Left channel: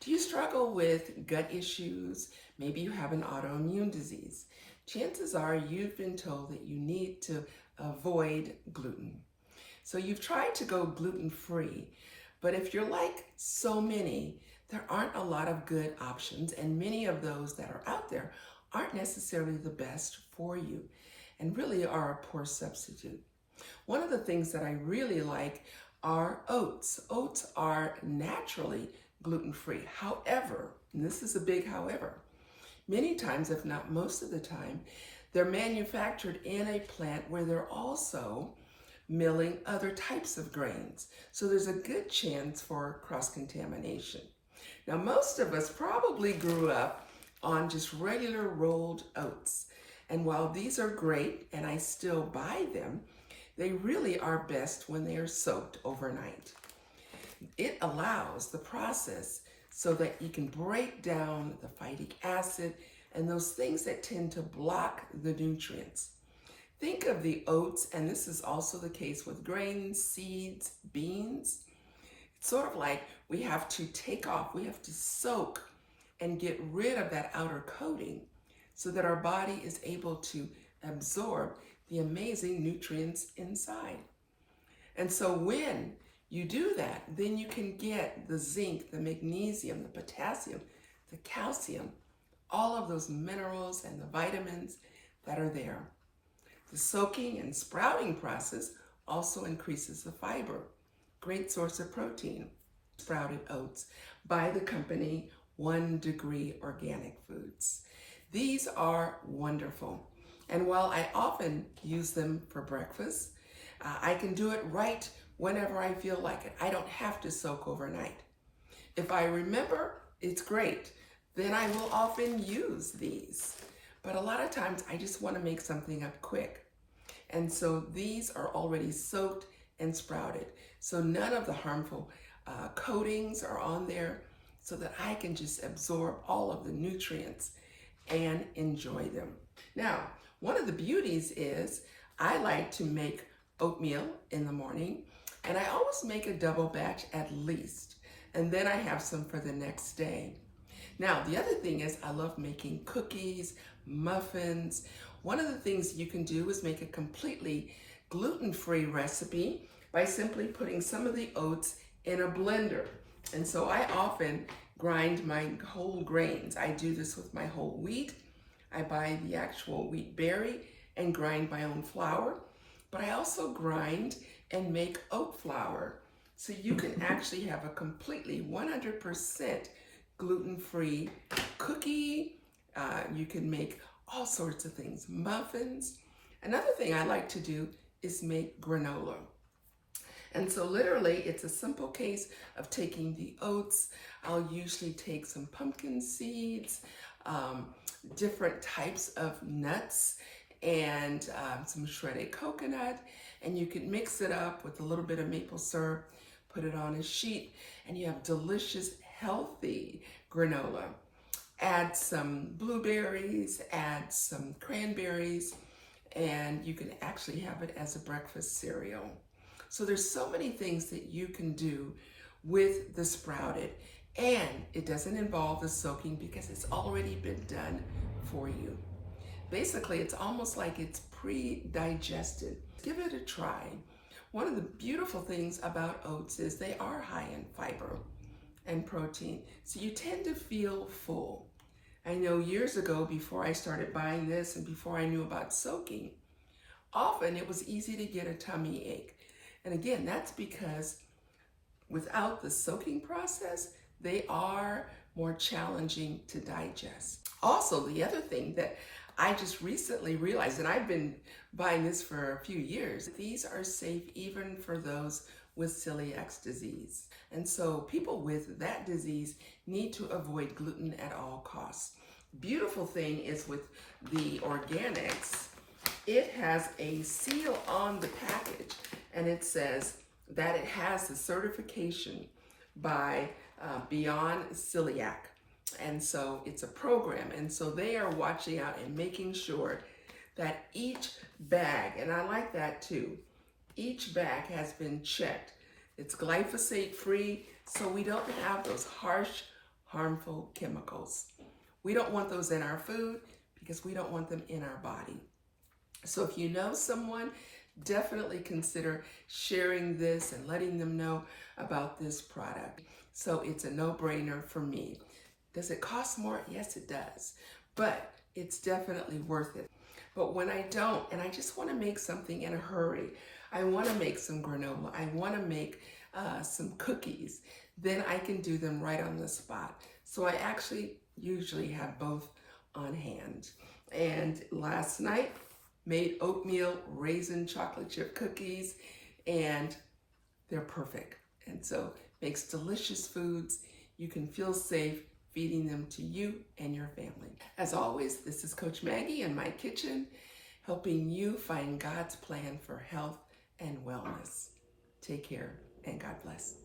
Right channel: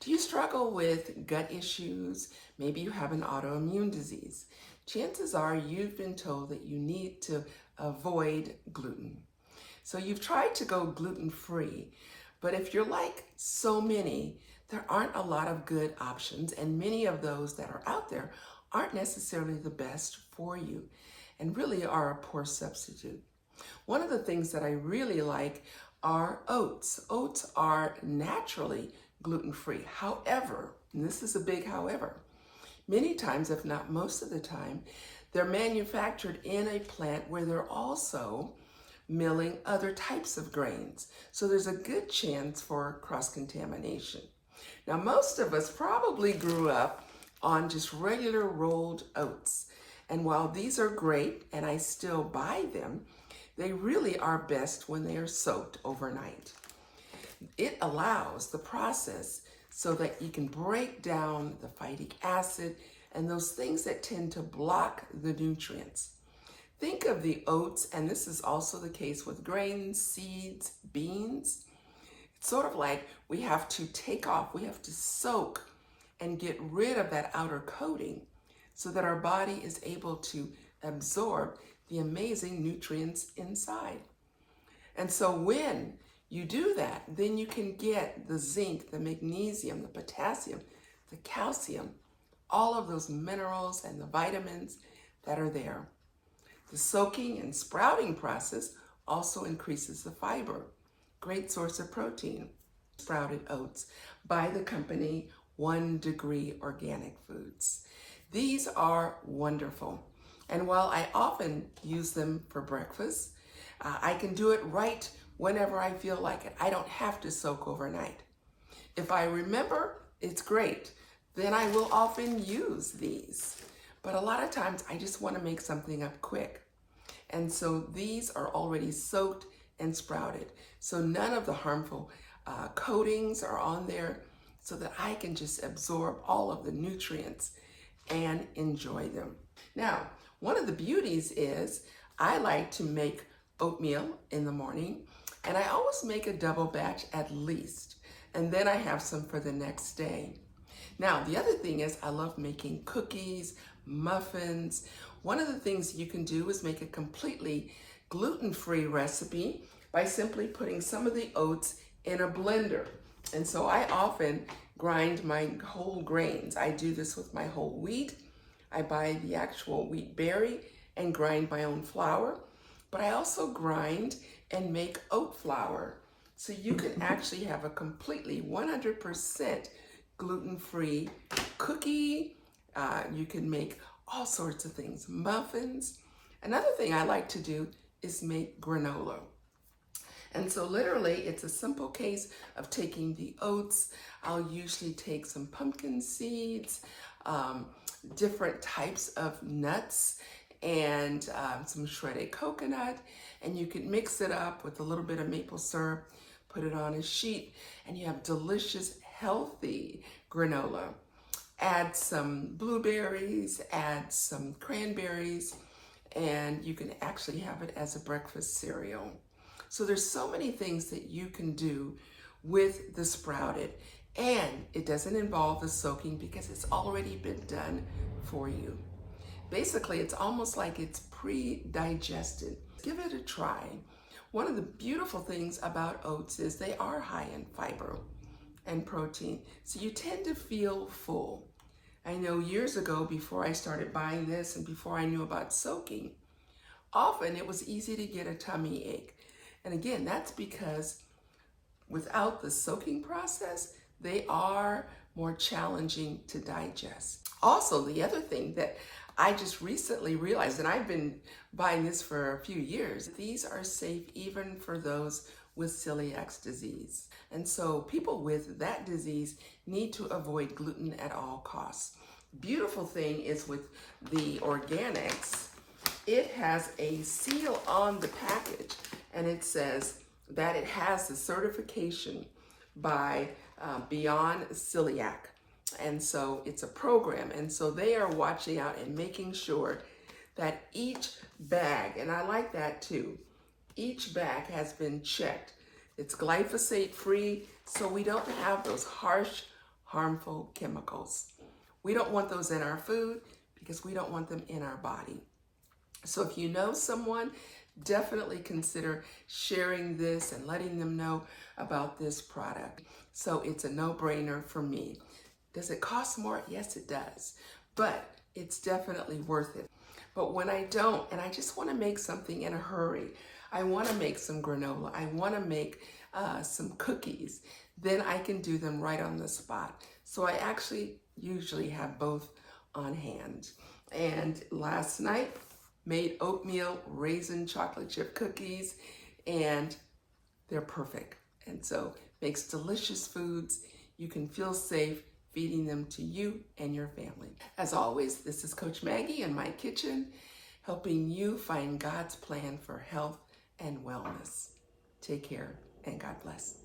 Do you struggle with gut issues? Maybe you have an autoimmune disease. Chances are you've been told that you need to avoid gluten. So you've tried to go gluten-free, but if you're like so many, there aren't a lot of good options, and many of those that are out there aren't necessarily the best for you and really are a poor substitute. One of the things that I really like are oats. Oats are naturally gluten-free. However, and this is a big however, many times, if not most of the time, they're manufactured in a plant where they're also milling other types of grains. So there's a good chance for cross-contamination. Now, most of us probably grew up on just regular rolled oats. And while these are great, and I still buy them, they really are best when they are soaked overnight. It allows the process so that you can break down the phytic acid and those things that tend to block the nutrients. Think of the oats, and this is also the case with grains, seeds, beans. It's sort of like we have to soak and get rid of that outer coating so that our body is able to absorb the amazing nutrients inside. And so when you do that, then you can get the zinc, the magnesium, the potassium, the calcium, all of those minerals and the vitamins that are there. The soaking and sprouting process also increases the fiber. Great source of protein. Sprouted oats by the company 1 Degree Organic Foods. These are wonderful. And while I often use them for breakfast, I can do it right whenever I feel like it. I don't have to soak overnight. If I remember, it's great. Then I will often use these. But a lot of times I just want to make something up quick. And so these are already soaked and sprouted. So none of the harmful coatings are on there so that I can just absorb all of the nutrients and enjoy them. Now, one of the beauties is I like to make oatmeal in the morning, and I always make a double batch at least, and then I have some for the next day. Now, the other thing is I love making cookies, muffins. One of the things you can do is make a completely gluten-free recipe by simply putting some of the oats in a blender. And so I often grind my whole grains. I do this with my whole wheat. I buy the actual wheat berry and grind my own flour, but I also grind and make oat flour. So you can actually have a completely 100% gluten-free cookie. You can make all sorts of things, muffins. Another thing I like to do is make granola. And so literally it's a simple case of taking the oats. I'll usually take some pumpkin seeds, different types of nuts, and some shredded coconut. And you can mix it up with a little bit of maple syrup, put it on a sheet, and you have delicious, healthy granola. Add some blueberries, add some cranberries, and you can actually have it as a breakfast cereal. So there's so many things that you can do with the sprouted, and it doesn't involve the soaking because it's already been done for you. Basically, it's almost like it's pre-digested. Give it a try. One of the beautiful things about oats is they are high in fiber and protein, so you tend to feel full. I know years ago, before I started buying this and before I knew about soaking, often it was easy to get a tummy ache. And again, that's because without the soaking process, they are more challenging to digest. Also, the other thing that I just recently realized, and I've been buying this for a few years, these are safe even for those with celiac disease. And so people with that disease need to avoid gluten at all costs. Beautiful thing is with the organics, it has a seal on the package, and it says that it has the certification by Beyond Celiac. And so it's a program, and so they are watching out and making sure that each bag, and I like that too, each bag has been checked. It's glyphosate free, so we don't have those harsh, harmful chemicals. We don't want those in our food because we don't want them in our body. So if you know someone, definitely consider sharing this and letting them know about this product. So it's a no-brainer for me. Does it cost more? Yes, it does. But it's definitely worth it. But when I don't, and I just want to make something in a hurry, I want to make some granola, I want to make some cookies, then I can do them right on the spot. So I actually usually have both on hand. And last night, made oatmeal raisin chocolate chip cookies, and they're perfect. And so makes delicious foods. You can feel safe feeding them to you and your family. As always, this is Coach Maggie in my kitchen, helping you find God's plan for health and wellness. Take care and God bless.